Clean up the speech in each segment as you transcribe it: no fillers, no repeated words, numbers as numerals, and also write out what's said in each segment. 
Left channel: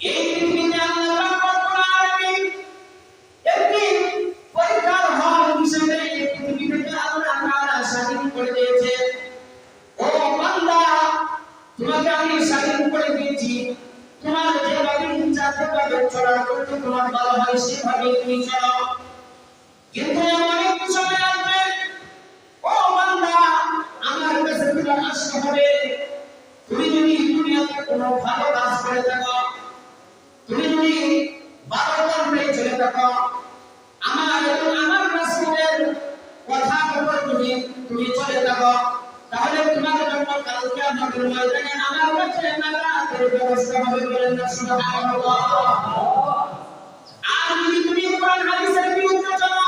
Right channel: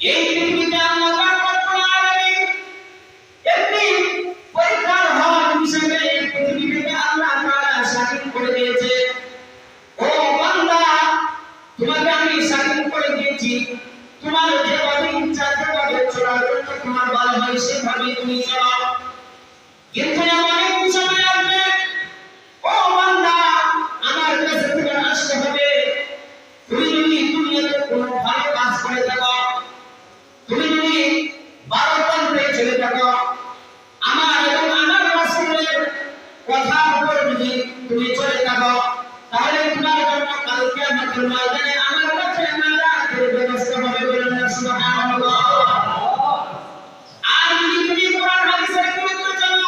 এই পৃথিবীতে আল্লাহ পাক রব্বুল আলামিন একটি পরীক্ষার হল হিসেবে এই পৃথিবীতে আল্লাহ তাআলা স্বাধীন করে দিয়েছে। ও বান্দা, তোমাকে আমি স্বাধীন করে দিয়েছি, তোমার যেভাবে ইচ্ছা সেভাবে চলার জন্য তোমার ভালো হয় সেভাবে তুমি চলো। কিন্তু অনেক সময় আসবে, ও বান্দা, আমার কাছে তোমার আসতে হবে। তুমি যদি দুনিয়াতে কোনো ভালো কাজ করে থাকো, তুমি যদি বারোতন্ত্রে চলে থাকো, আমার এবং আমার রাসূলের কথার উপর যদি তুমি চলে থাকো, তাহলে তোমার জন্য কাল কিয়ামতের ময়দানে আমার কাছে নাজাতের ব্যবস্থা হবে। বলেন না সুবহানাল্লাহ। আর যদি তুমি কোরআন হাদিসের বিরুদ্ধে চলো,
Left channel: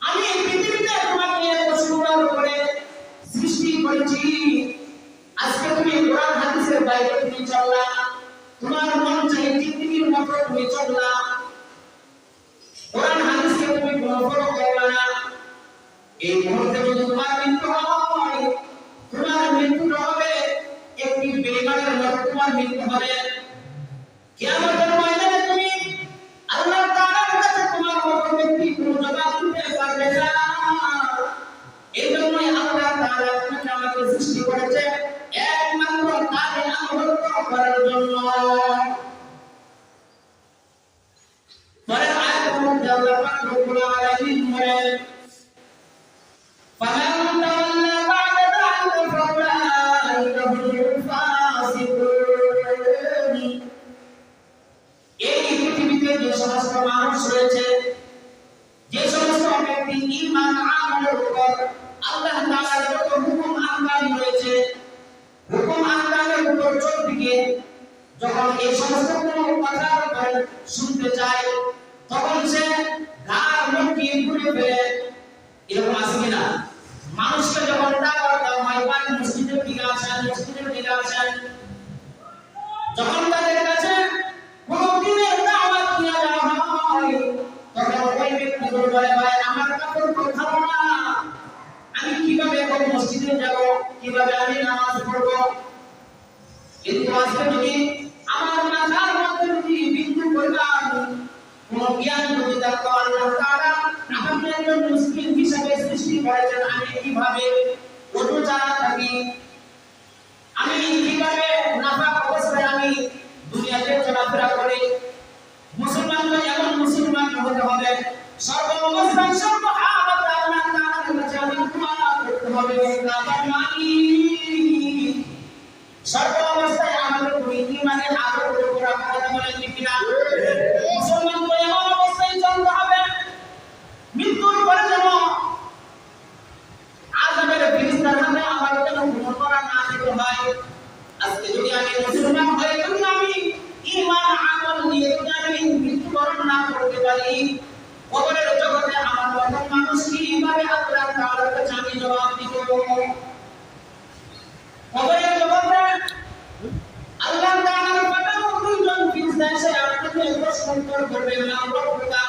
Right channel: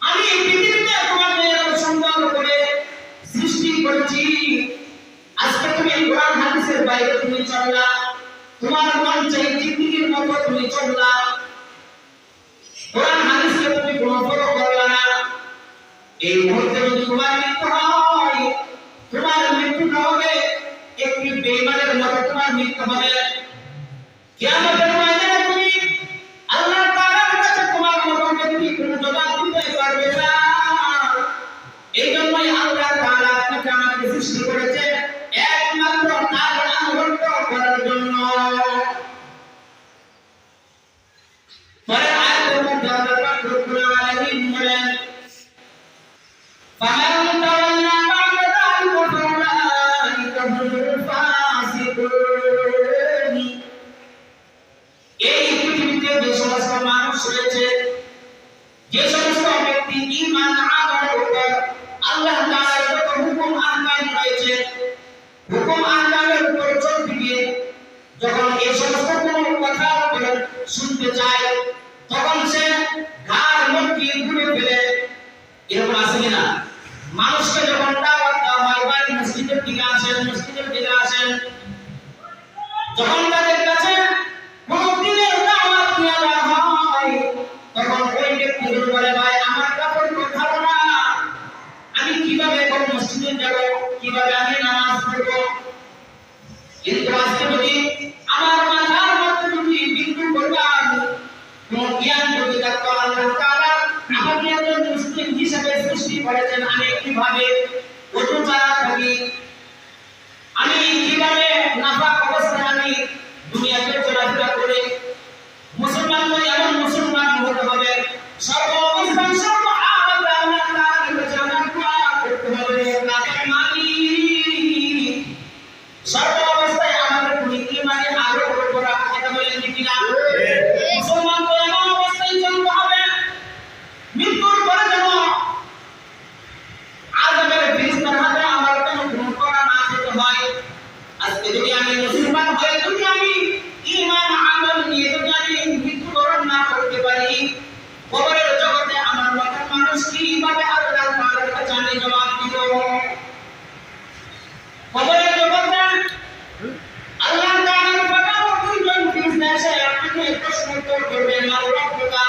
আমি পৃথিবীতে তোমাকে এত সুন্দর করে সৃষ্টি করেছি, আজকে তুমি কোরআন হাদিসের বাইরে তুমি চললা, তোমার মন চাই জিন্দেগির মতো তুমি চললা, কোরআন হাদিসকে তুমি কোনো ফলো করলা না। এই মুহূর্তে যদি তোমার মৃত্যু হয়, তোমার মৃত্যুটা হবে একটি বেঈমানের মতো, তোমার মৃত্যু হবে। কিয়ামতের ময়দানে তুমি আল্লাহ তাআলার কাছে তোমার মতো ব্যক্তি কোনো জবাব দিতে পারবে না। এই জন্যই আল্লাহ তাআলা আপনাকে আমাকে সৃষ্টি করেছে একমাত্র তার আনুগত্য করার জন্য। পরের আয়াতের মধ্যে আল্লাহ পাক রব্বুল আলামিন বলেন, فمن تولى بعد ذلك فأولئك هم الفاسقون। এই পৃথিবীতে যে সমস্ত মানুষ রয়েছে, যে সমস্ত ব্যক্তি ঈমান আমলের উপর আল্লাহ তাআলার যত হুকুম আহকাম রয়েছে, হুকুম আহকামের উপর চলতে গিয়ে যখন এই সমস্ত কোনো কথা শুনতে চায়, তখন সে ঘাড় মটকিয়ে ঘুরে ফেলে। এরকম আছে কিনা? মানুষকে যখন দাওয়াত দেওয়া হয়, ভাই মসজিদের দিকে আসেন, মসজিদের দিকে আসেন, যখন তাদের কাছে কোনো দিনের দাওয়াত দেওয়া হয়, তখন ওই ব্যক্তিগুলো বলে, ভাই আমার কাপড় কোথাও না, আমি কিভাবে এখন মসজিদে যাব, কিভাবে আমি নামাজ পড়বো? কিন্তু আজকে যদি আমার মাথার মধ্যে যদি বিন্দু পরিমাণ কোন জ্ঞান যদি থাকতো, আল্লাহ তাআলা আমাকে একজন মুসলিম হিসেবে সৃষ্টি করেছেন, আমি কিভাবে ওযু ছাড়া থাকি, আমি কিভাবে নাপাক অবস্থায় আমি দুনিয়াতে চলাফেরা করি। মুসলমান তো এমন মুসলমান হতে হবে, সর্ব অবস্থায় সর্ব হালাতে আল্লাহ তাআলার কাছে আমার দোয়া করতে হবে, কাবার মালিক সর্ব অবস্থায় আমাদের তুমি ঈমানে আগ্রহ করা। কথা বলেন ঠিক কিনা? মুসলমান তো এমন অবস্থায় চলতে হবে, মৃত্যুর পরে যেন আযাবের ফেরেশতার হাতে আমার কেন কোনো করা না যেতে হয়। আজকে যদি আমি মুসলমান হয়ে যদি আমি ঈমান আমল নিয়ে যদি আমি মৃত্যুবরণ না করতে পারি, কবরের জগতে আমার মতো মানুষ কিভাবে আল্লাহ তাআলার কাছে আমি জবাব দিব? কবরের জগতে আল্লাহ তাআলার পাঠানো দুইজন ফেরেশতা এসে আপনাকে প্রশ্ন উত্তর করবে, মান রব্বুকা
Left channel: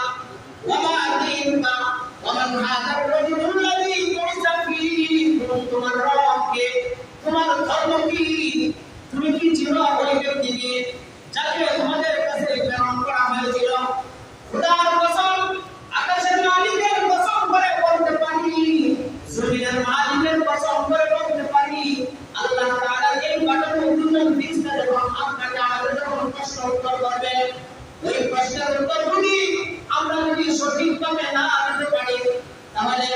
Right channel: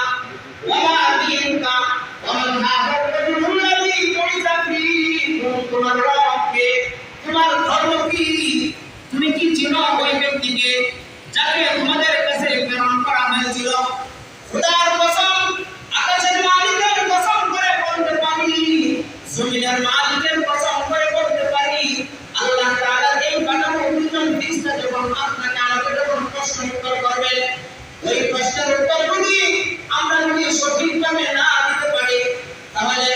ওয়া মা দীনুকা ওয়া মান হাদা রাজুলুল্লাযী বুইসা ফীকুম। তোমার রব কে? তোমার ধর্ম কি? তুমি কি চিনো ওই ব্যক্তিকে যাকে তোমাদের কাছে প্রেরণ করা হয়েছিল? খোদার কসম, আকাশের মালিকের কসম করে বলতে পারি, জমিনের মালিকের কসম করে বলতে পারি, আল্লাহ তাআলা এই পাঠানো দুইজন ফেরেশতা যখন আপনাকে আমাকে যখন প্রশ্ন উত্তর করবে, ওই প্রশ্নের উত্তর যদি আমরা যদি সঠিকভাবে না দিতে পারি, তাহলে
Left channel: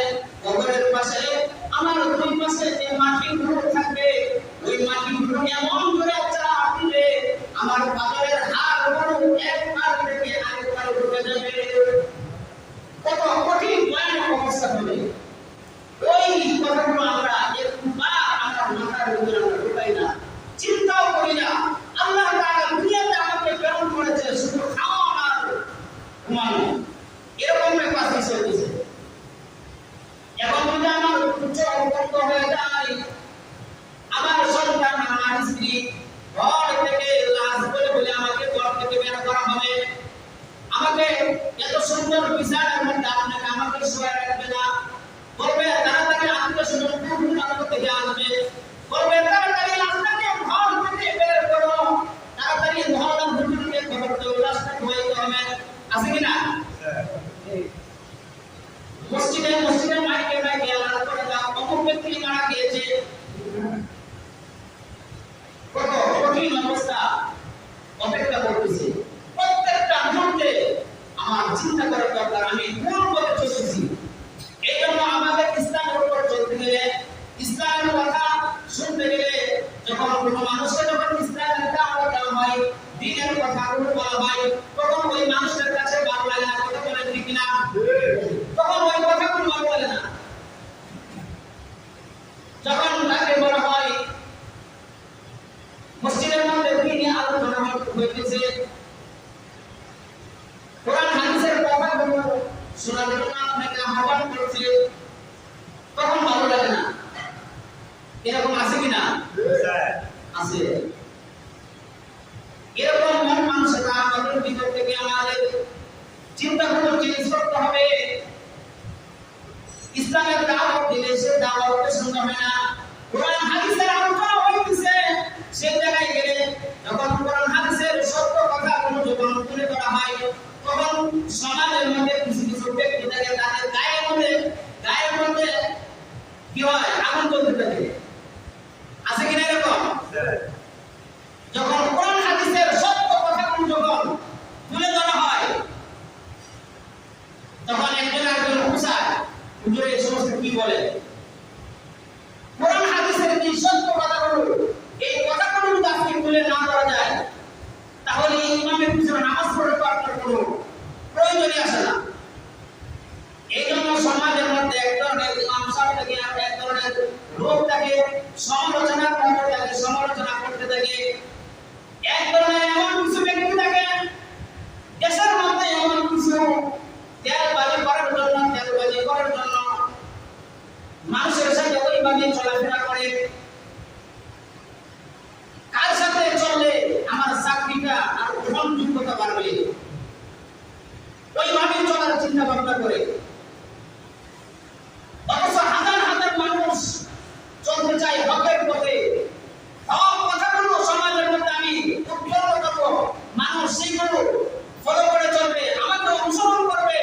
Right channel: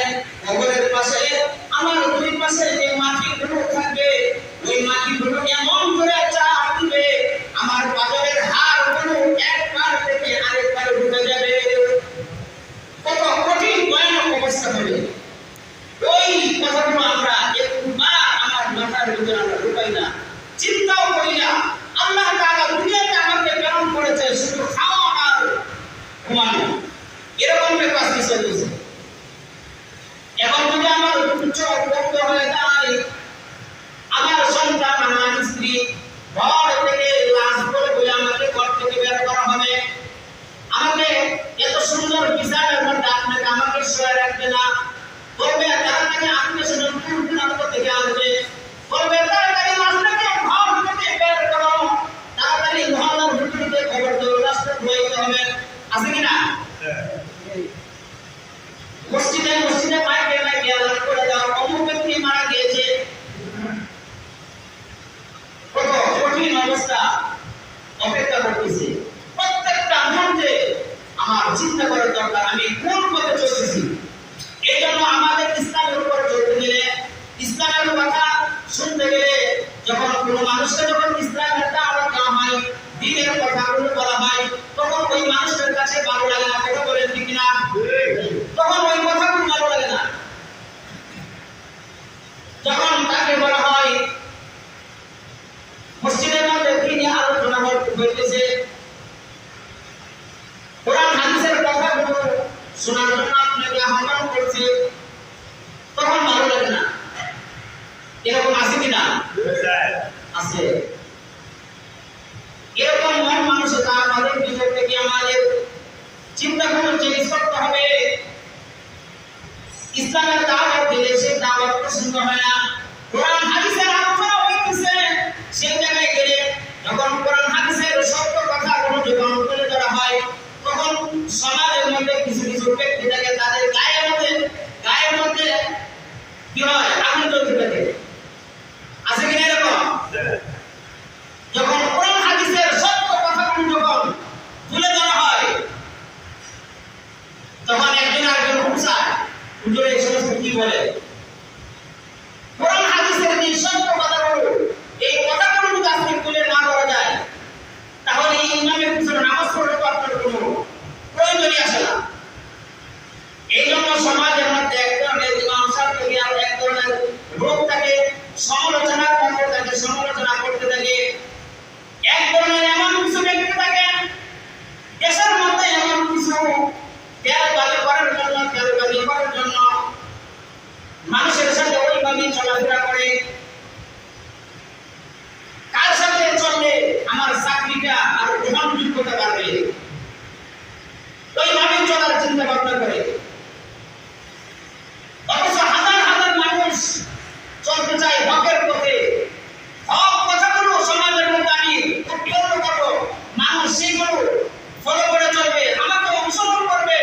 চলাফেরা করতেছি, প্রত্যেকটা মুহূর্তে আমার চিন্তা করার দরকার আমি কোন পথে চলতেছি। এই জন্য আমাদের ইসলামের উপর চলতে গেলে, ইসলামের কথা শুনতে গেলে, যখন কোনো মানুষকে যখন ইসলামের দাওয়াত দেওয়া হয়, দ্বীনের কথাগুলো বলা হয়, তখন ওই মানুষের কাছে ভালো লাগে না। কথা বলেন ঠিক না? তখন ওই কথাগুলো ভালো লাগে না। যখন তাকে বলা হয় মসজিদের মধ্যে তিনি আলোচনা হইতেছে, কোরআন হাদিসের কথাগুলো শোনার জন্য আপনাকে আহ্বান করছে, তখন ভালো লাগে না। এরকম আছে কিনা? আছে। এরকম মন মানসিকতা আমাদের ভিতর থেকে আমাদের চিন্তাগুলো চেঞ্জ করতে হবে। ইসলামের দাওয়াত দিলে সে দাওয়াত পছন্দ হয় না। কোরআন হাদিসের আলোচনা হইতেছে, সেই জায়গায় গেলে যখন কোরআন হাদিসের সত্য কথাগুলো যখন তুলে ধরা হয়, তখন সমাজের মধ্যে কিছু কিছু ব্যক্তি থাকে, তাদের গায়ের মধ্যে কি হয়? আগুন জ্বলতে থাকে। আছে কিনা এরকম? যখন কোরআন হাদিসের সত্য কথাগুলো যখন তুলে ধরা হয়, তখন একজন আরেকজন উৎসাহ হুজুর এই সমস্ত কি বলে? কোরআন হাদিসের যে সত্য কথাগুলো, এই কথাগুলো যদি আপনি তুলে না করা যায়, তাহলে এই ইমামের পিছনে নামাজ পড়ে তো আপনার কোনো প্রয়োজনই আসে না। এই জন্য সমাজের মধ্যে এক ধরনের ইমাম সাহেব থেকে আর এক ধরনের লোক তাকে সমালোচনা করতে থাকে। এক ধরনের এমন কিছু ব্যক্তি থাকে, দেশের মধ্যে এমন কিছু তেলবাজি করার জন্য মানুষের সাথে ওইভাবে চলাফেরা করে, কার সাথে চললে আমার চাকরিটা আর গ্রহণযোগ্যতা বাড়বে, ওইভাবে চলার চিন্তা ভাবনা করে। অথচ হাজার হাজার মানুষ চলতে চায় হকের পথে। হক কথাগুলো সমাজের মধ্যে আমি উৎপন্ন করবো, মানুষ সেইগুলো ফলো করে চলবে, আমাকে অনুসরণ করবে,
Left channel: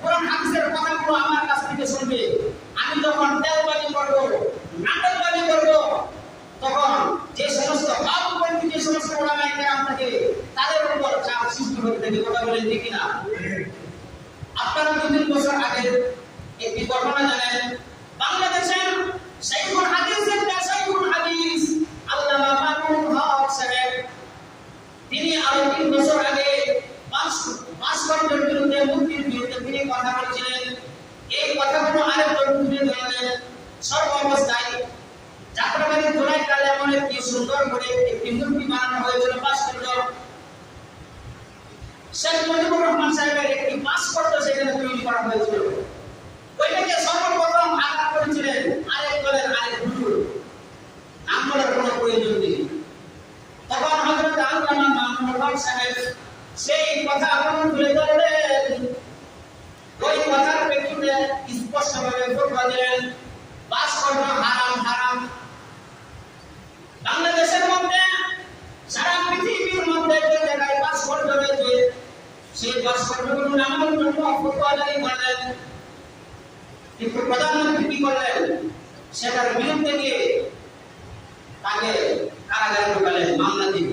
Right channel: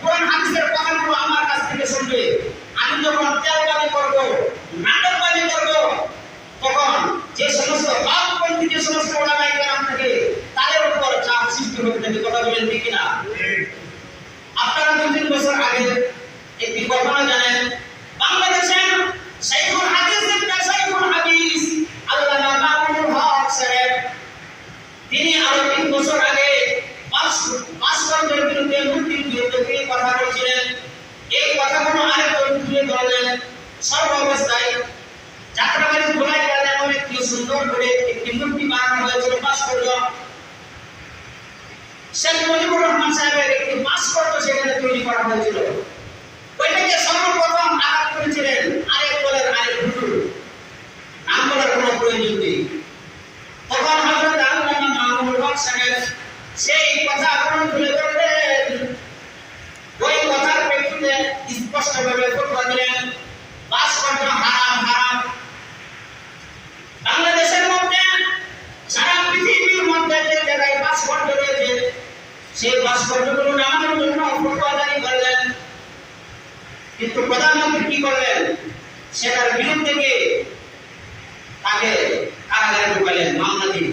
কোরআন হাদিসের কথাগুলো আমার কাছ থেকে শুনবে। আমি যখন তেলবাজি করবো, নাটকবাজি করবো, তখন যে সমস্ত বামপন্থী যে সমস্ত ওলামায়ে কেরাম থাকে, তাদের উপর চাপ সৃষ্টি হতে থাকে। কথা বলেন ঠিক কিনা? আপনারা 2-3 বছর আগে একটি ঘটনা জানেন, বাংলাদেশের শাইখুল হাদিস আল্লামা মামুনুল হক সাহেব, তিনি আরো 3 বছর আগে ভাস্কর্যের বিরুদ্ধে, মূর্তির বিরুদ্ধে তিনি কথা বলছিলেন। এই কথাগুলো আরেকজন তুলে ধরলেন। সর্বাবস্থায় যাত্রাবাড়ির গোলাইকালে এমন একটি সুন্দর করে একটি মূর্তি বানানো হয়েছিল, ভাস্কর্য। শেখ মুজিবুর রহমান সাহেবের একটি ভাস্কর্য সেখানে তৈরি করা হয়েছিল। ওইটাকে সর্বপ্রথম আঘাত করেছিলেন আরেক দলের আরেক হুজুর, নাম বলার কোনো প্রয়োজন নেই। তখন হযরত আল্লামা মামুনুল হক সাহেব সেই কথা তুলে ধরলেন। ওই কথার প্রেক্ষিতে স্পষ্টভাবে ফতোয়া দিলেন, ভাস্কর্য হারাম। বাংলাদেশের মধ্যে, সারা পৃথিবীর মধ্যে যে জায়গায় ভাস্কর্য রয়েছে, সেই ভাস্কর্যগুলো নামানোর জন্য ফতোয়া জারি করলেন। কিন্তু প্রধানমন্ত্রী কি করলেন? সেটার বিরুদ্ধে গিয়ে তাকে কারাগারে ঢুকালেন, মামলা দিয়ে।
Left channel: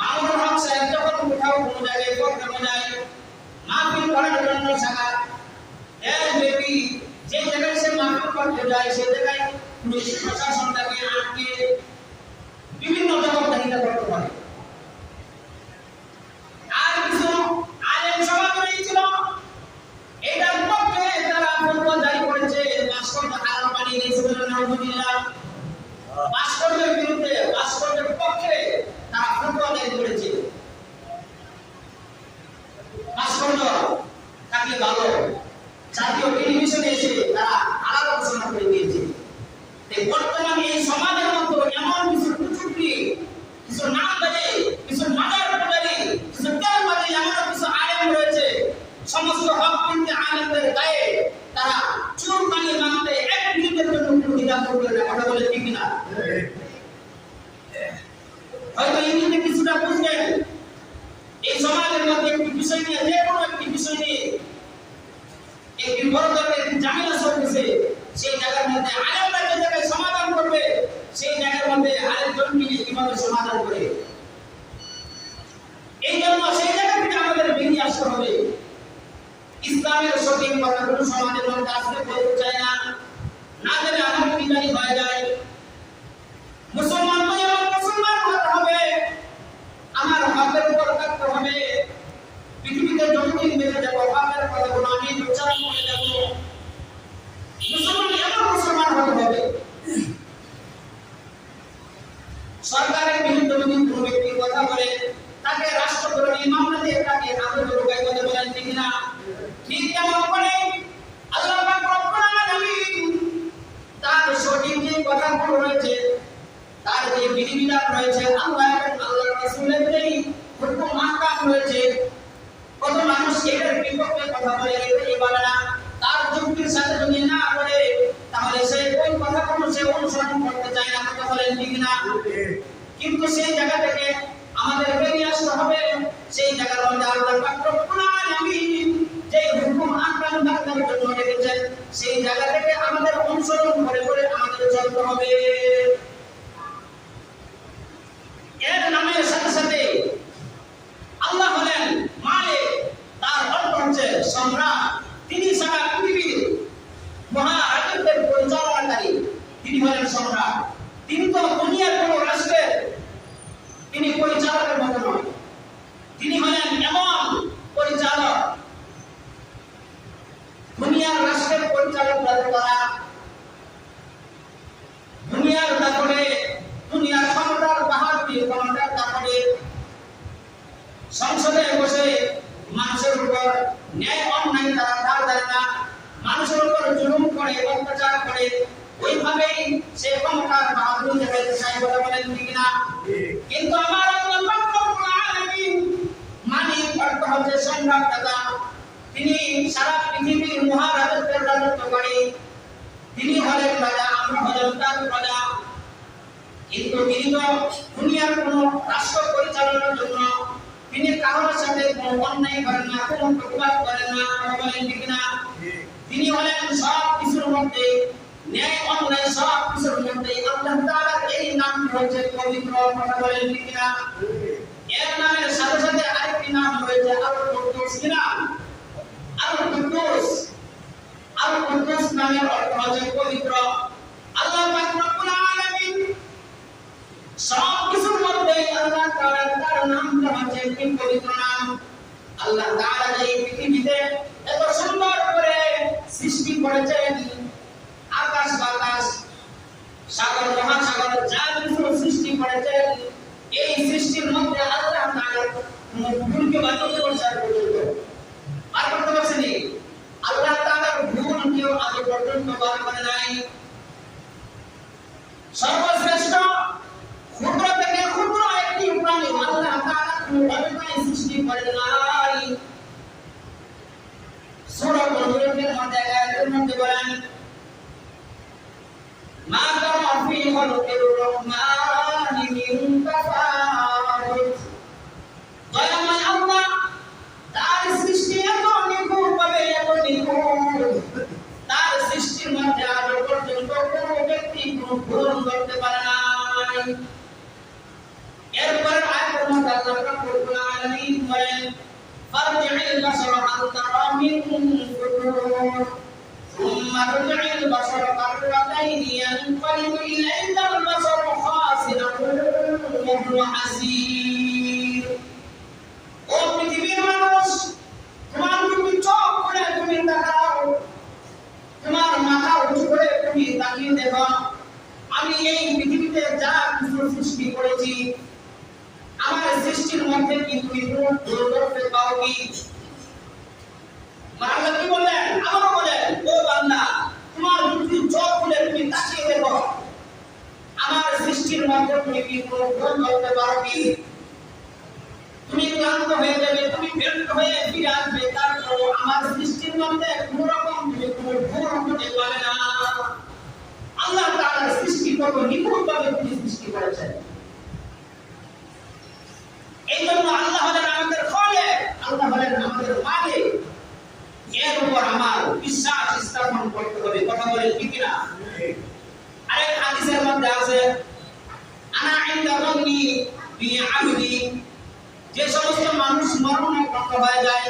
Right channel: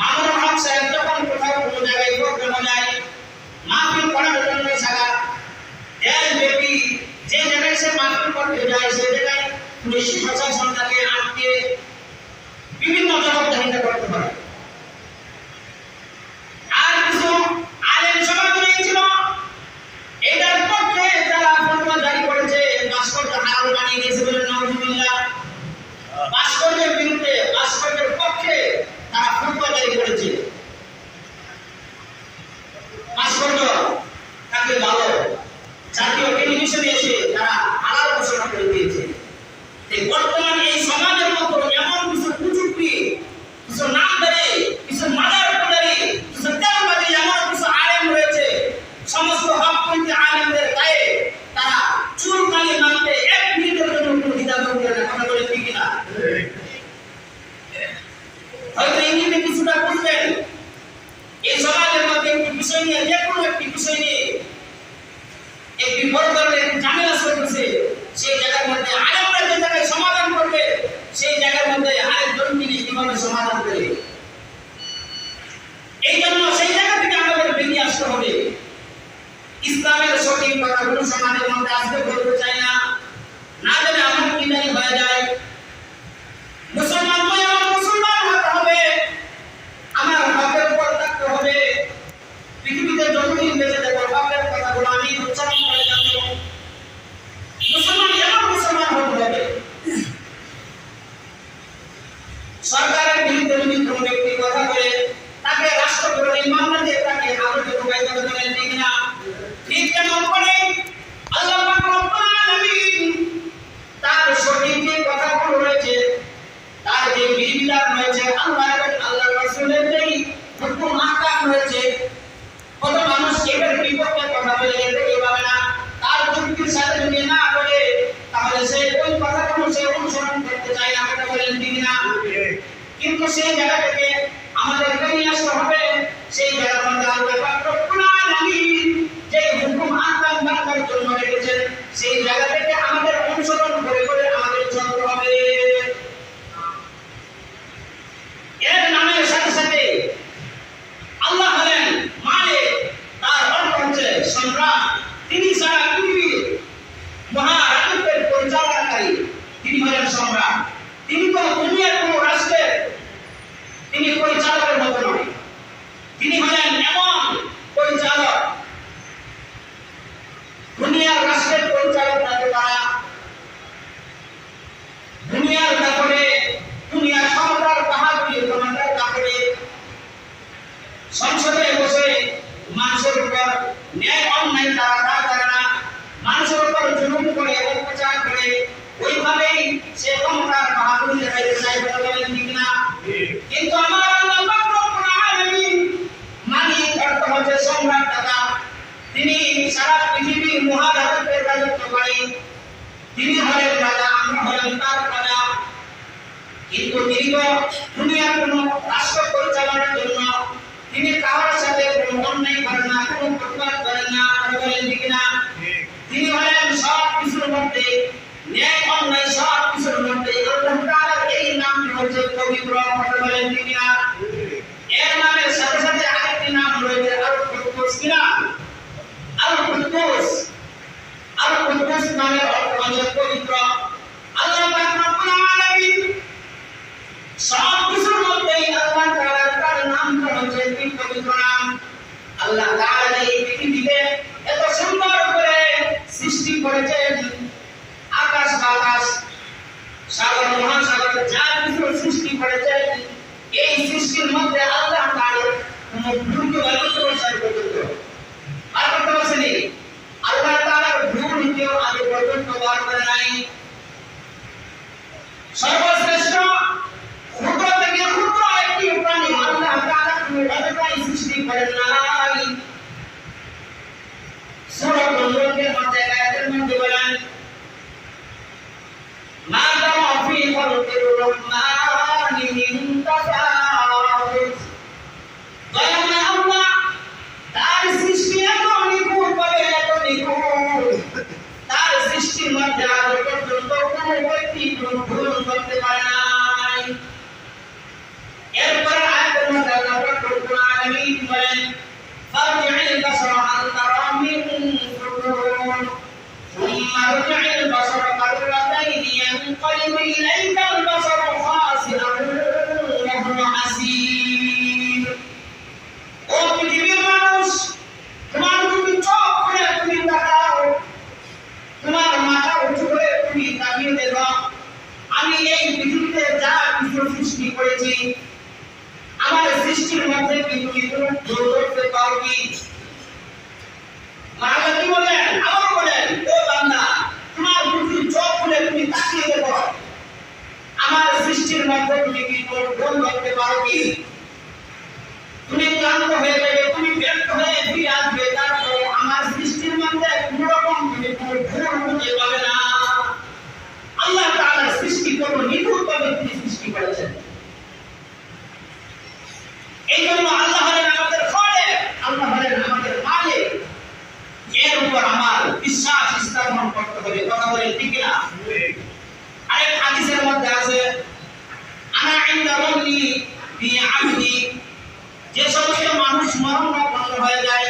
মামুনুল হক সাহেব যখন কোথাও কোনো জায়গায় প্রোগ্রামে যায়, মাহফিল করার জন্য সারা দেশব্যাপী যে জায়গায় সে মাহফিল করতে যায়, সেই জায়গায় পুলিশ প্রশাসন তাকে আটকে বিভিন্ন জবাবদিহিতা করতে পারে। আর কিছু আলেম সমাজ রয়েছিল, এটার পক্ষে তারা ফতোয়া জারি করেছে, ভাস্কর্য হারাম বানিয়ে দিয়েছে বলে নাউজুবিল্লাহ। ভাস্কর্যের বিরুদ্ধে, ভাস্কর্যের পক্ষে তারা ফতোয়া জারি করেছে। ভাস্কর্য তাকে ভালো জাতীয় টেলিভিশনে এসে তারা হালাল ঘোষণা করে দিয়েছে। বর্তমানে এই কিন্তু তিনি তো দুনিয়ার কোনো রাষ্ট্র পরিচালনার জন্য তিনি কারোর সাথে কোনো অন্যায় করেন না, কোনো প্রতিবাদ করেন না, বলেন ঠিক না? তিনি হলেন সব কিছুর মধ্যে ন্যায় অন্যায় সব কিছুর মধ্যে আল্লাহ তাআলার এই নামটি হচ্ছে পবিত্র, বলেন ঠিক না? এর নামের সাথে সাথে আরেকটি নাম রয়েছে আল কুদ্দুস, কি নাম? আল কুদ্দুস। আল কুদ্দুস নামের অর্থ হচ্ছে পবিত্র। আল্লাহ পাক রব্বুল আলামিন সব কিছুর মধ্যেই আল্লাহ তাআলার তার নামটা হচ্ছে পবিত্র নাম। আল্লাহ তাআলা এই পৃথিবীতে এত সুন্দর করে সৃষ্টি করেছেন, আকাশ বাতাস সাগর মহাসাগর যা কিছু সৃষ্টি করেছেন, এই সৃষ্টির মধ্যে আল্লাহ তাআলা কোনো ভুলকে বার করতে পর্যন্ত আর করতে পারছেনি। আল্লাহ তাআলার ভুল কেউ আগে পর্যন্ত বার করে নাই। সর্বশ্রেষ্ঠ ক্ষুদ্র থেকে ক্ষুদ্র একটি প্রাণী আল্লাহ তাআলা কোনো অবস্থায় সৃষ্টি করেন নাই। সূরা মুলকের মধ্যে আয়াতের মধ্যে বলেন মা তারা ফি খালকির রহমানি মিন তাফাউত। দয়াময় আল্লাহ তার সৃষ্টি এত নিখুঁতভাবে, এত নিখুঁত, তার সৃষ্টির মধ্যে আজ পর্যন্ত কোনো ব্যক্তি কোনো ভুল করতে পারে নাই। এরপর আয়াতের মধ্যে আল্লাহ রব্বুল আলামিন বলেন ফারজি'ল বাসারা হাল তারা মিন ফুতুর সুম্মা রজি'ল বাসারা কাররাতাইন ইয়ানকালিবু ইলাইকাল বাসারু খাসিআন ওয়া হুয়া হাসীর। ও পৃথিবীর মানুষ, তোমার তুমি চোখ খুলে তুমি তাকাও, তোমার মাথা উঁচু করে তুমি তাকিয়ে দেখো, আমি এই পৃথিবীতে যা কিছু সৃষ্টি করেছি, আমার সৃষ্টির মধ্যে কি তুমি কোনো ভুল করতে পারো কি? মানব কি বলেন? আবারও বলেন, ও বান্দা, তোমার তুমি চোখ খুলে তুমি তাকিয়ে দেখো, আমার সৃষ্টির মধ্যে তুমি কি কোনো ভুল করতে পারো কি? তুমি ক্লান্ত হয়ে যাবে, তুমি ব্যর্থ হয়ে ফিরে আসবে, তারপর আমার সৃষ্টির মধ্যে কোনো রকম তুমি কোনো ভুল খুঁজে পাবে না। আল্লাহ তাআলার সৃষ্টি কত নিখুঁতভাবে তিনি সৃষ্টি করেছেন। এই জন্য আল্লাহ হলেন আমাদের খালেক, আল্লাহ হলেন আমাদের মালিক। এর উপর আমার বিশ্বাস স্থাপন করতে হবে। কথা বলেন ঠিক না? আরেক হাদিসের মধ্যে আছে আনা ইনদা রাব্বি বি আবদি। যে সমস্ত মানুষ মরণাপন্ন হয়ে যায়,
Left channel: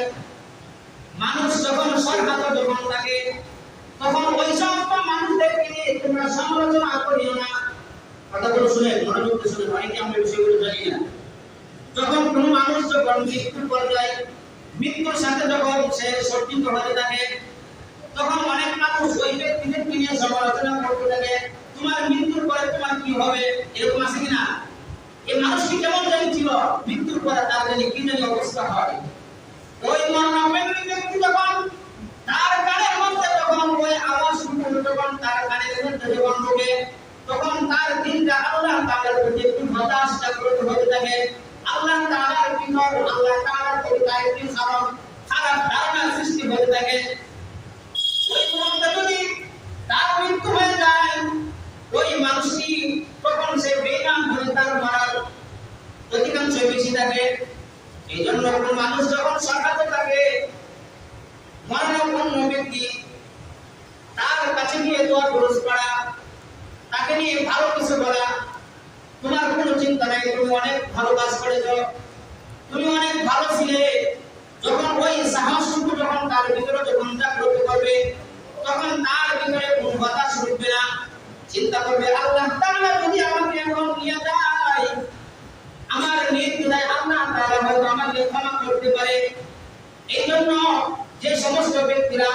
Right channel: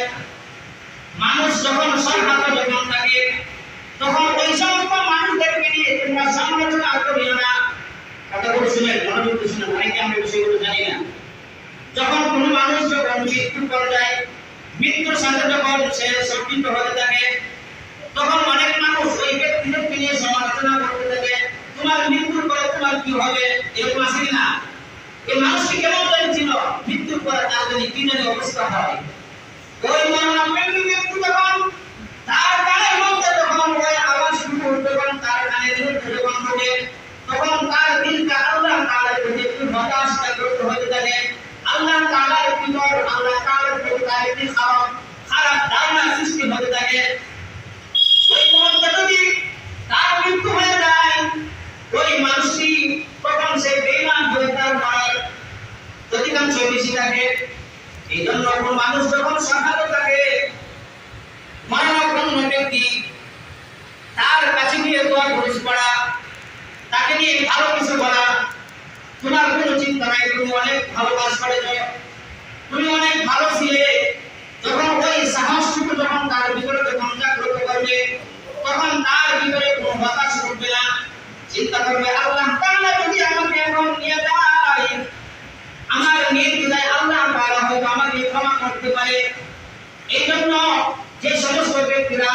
মানুষ যখন সংঘাত যখন থাকে, তখন ওই সমস্ত মানুষদেরকে নিয়ে তোমরা সমালোচনা করিও না। কথাগুলো শুনেন, মনোযোগ দিয়ে শুনেন, অনেকে আমরা বিষয়গুলো জানি না। যখন কোনো মানুষ যখন মৃত্যু পর্যায়ে, মৃত্যুর সাথে যখন সে সজ্জিত হতে থাকে, তখন অনেক মানুষ ওই ব্যক্তিদেরকে নিয়ে সমালোচনা করতে থাকে, তোমার মৃত্যুর পরে তোমার কি হবে, এরকম আছে কিনা? এই মানুষটি কেমন ছিল, মৃত্যুর পরে তার জন্য কি জানি অবস্থা হয়। ওই মরণাপন্ন ব্যক্তি যখন তার কানের মধ্যে যখন ওই আওয়াজ শুনে যখন তার কানের মধ্যে যখন ঢোকে, তখন তার দিলটা আল্লাহ তাআলার প্রতি একটু হতাশাগ্রস্ত হতে থাকে। আল্লাহ তাআলার ভিতর আল্লাহ তাআলার প্রতি তার একটি খারাপ ধারণা সৃষ্টি হতে থাকে। ওই মুহূর্তে যদি তার মৃত্যু হয়ে যায়, ওই মানুষটি তখন সে বেঈমান হয়ে তার মারার অধিকাংশ বেশি থাকে। এই জন্য কোন মানুষ যখন সংঘাত থাকে, মরণাপন্ন ব্যক্তি, তার কাছে গিয়ে দোয়া খরচ করা, তাকে নিয়ে ভালো কিছু বলা, তোমার কোনো চিন্তা নাই, তুমি অনেক ভালো কাজ করেছো, তুমি অনেক ভালো ছিলে, যখন ওই সাহসটুকু যখন তার ভিতরে যখন জাগ্রত করবে, তখন তার ভিতরে কোনো হতাশ উঠবে না। চিন্তা করবে আল্লাহ তাআলা যদি আমাকে এখন নিয়ে যায়, আমার নির্দ্বিধায় আল্লাহ তাআলা হয়তো আমাকে ক্ষমা করতে পারে। এই জন্য যে সমস্ত ব্যক্তিরা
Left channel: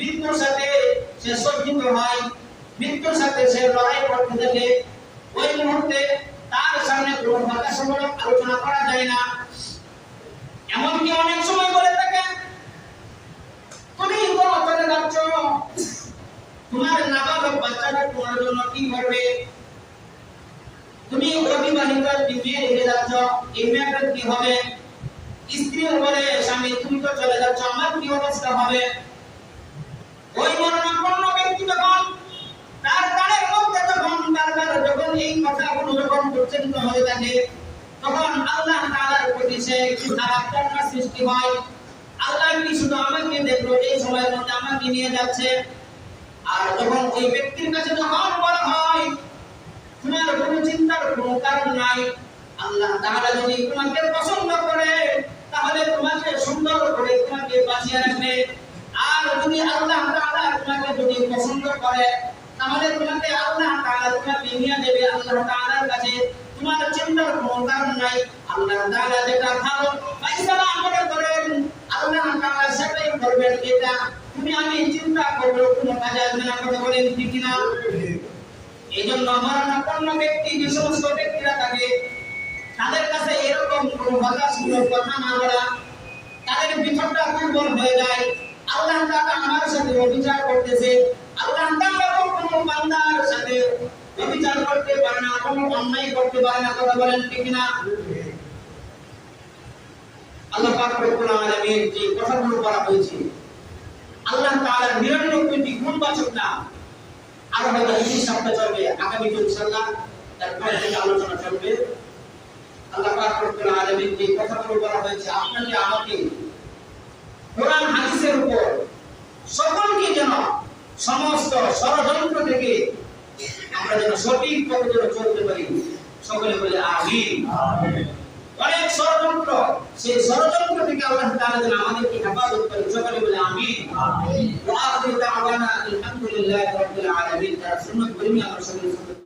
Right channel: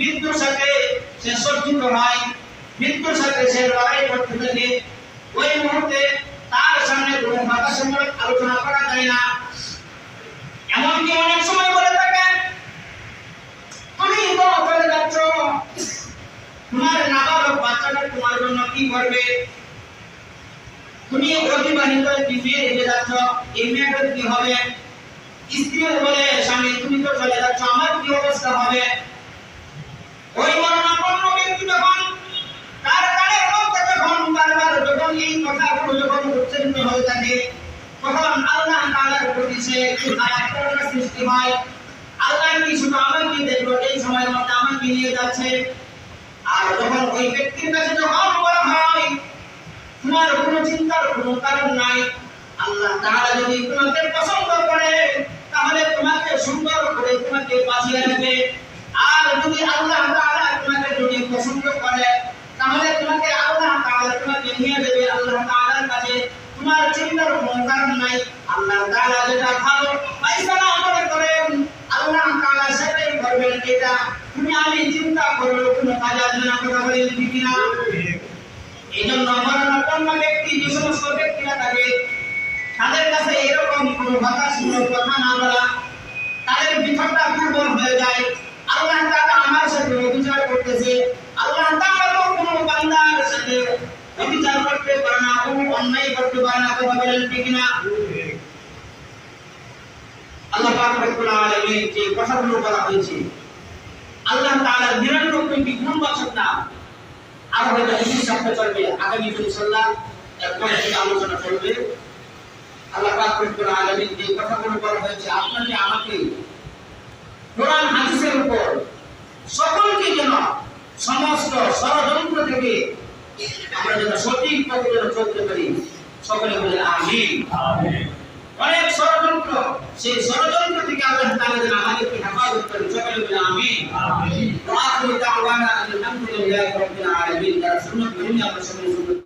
মৃত্যুর সাথে সে সজ্জিত হয়, মৃত্যুর সাথে সে লড়াই করতে থাকে, ওই মুহূর্তে তার সামনে কোনো হতাশামূলক আলোচনা করা যায় না। এমনকি অনেক সময় বলে থাকে, তুমি তো চলে যাচ্ছ, তোমার নাবালক বাচ্চাটা তোমার জন্য কি করবে? তুমি অবিবাহিত মেয়ে রেখে যাচ্ছ, এই মেয়েটার কি হবে? স্ত্রী বলে স্বামী, তুমি তো চলে যাচ্ছ, আমার কি অবস্থা হবে? ওই মরণাপন্ন ব্যক্তি যখন তার কানের মধ্যে যখন বারবার যখন এই কথাগুলো যখন উচ্চারিত হয়ে থাকে তখন আল্লাহ তাআলার প্রতি সে খারাপ ধারণা সৃষ্টি হয়। আল্লাহ কি শুধু আমাকে দেখলো এই সময়ের মধ্যে আমাকে নিয়ে যাচ্ছে? আর যখন ওই ব্যক্তির কাছে যখন বলা হয় তোমার কোনো চিন্তার কোনো কারণ নাই, আল্লাহ তাআলা যদি তোমাকে পছন্দ করে তাহলে তোমাকে সুন্দর করে তোমাকে বাঁচিয়ে রাখবে। আর যদি আল্লাহ তাআলা তোমাকে যদি পছন্দ করে তাহলে তোমাকে আল্লাহ তাআলা তোমাকে নিয়ে যাবে আল্লাহ তাআলার কাছে। তোমার চিন্তার কোনো কারণ নাই। আল্লাহ তাআলা যেটা ভালো ফায়সালা মনে করেন আল্লাহ তাআলা সেটাই করবেন। এটা তুমি আমি চিন্তা করলে কোনো কাজে আসবে না। কথা বলেন ঠিক না? এইজন্য মরণাপন্ন ব্যক্তি যে সমস্ত ব্যক্তিরা থাকে তাদের কাছে এরকম কোনো হতাশমূলক কথা না বলা, তাদের ভিতরটা দুর্বল হয়ে যায়। আল্লাহ তাআলা আমার সাথে অবিচার করতেছে, আল্লাহ তাআলা তো কোনো বান্দার সাথে অবিচার করতে পারে না, কোনো অন্যায় করতে পারে না। কথা বলেন ঠিক না? আল্লাহ পাক রব্বুল আলামিন যে কথাগুলো বলা হয়েছে আল্লাহ তাআলার ৯৯টি গুণবাচক নাম আর হয়তো এই সপ্তাহে চলবে, আগামী ইনশাআল্লাহ এরপর থেকে আলোচনা চলবে। আল্লাহ পাক রব্বুল আলামিন যে কথাগুলো বলা হয়েছে আপনাকে আমাকে কোরআন হাদিসের উপর সকলকে যেন সমস্ত ষড়যন্ত্র থেকে আমরা যেন সঠিক পথে যেন চলতে পারি। সকলে বলে আমিন। অনেক ষড়যন্ত্র, সেই ষড়যন্ত্র থেকে আল্লাহ তাআলা যেন আমাদেরকে হেফাজত করেন। সকলে বলে আমিন। ওয়া আখিরু দাওয়ানা আলহামদুলিল্লাহি রাব্বিল আলামিন। যারা সুন্নাত বিরোধী আমরা সকলে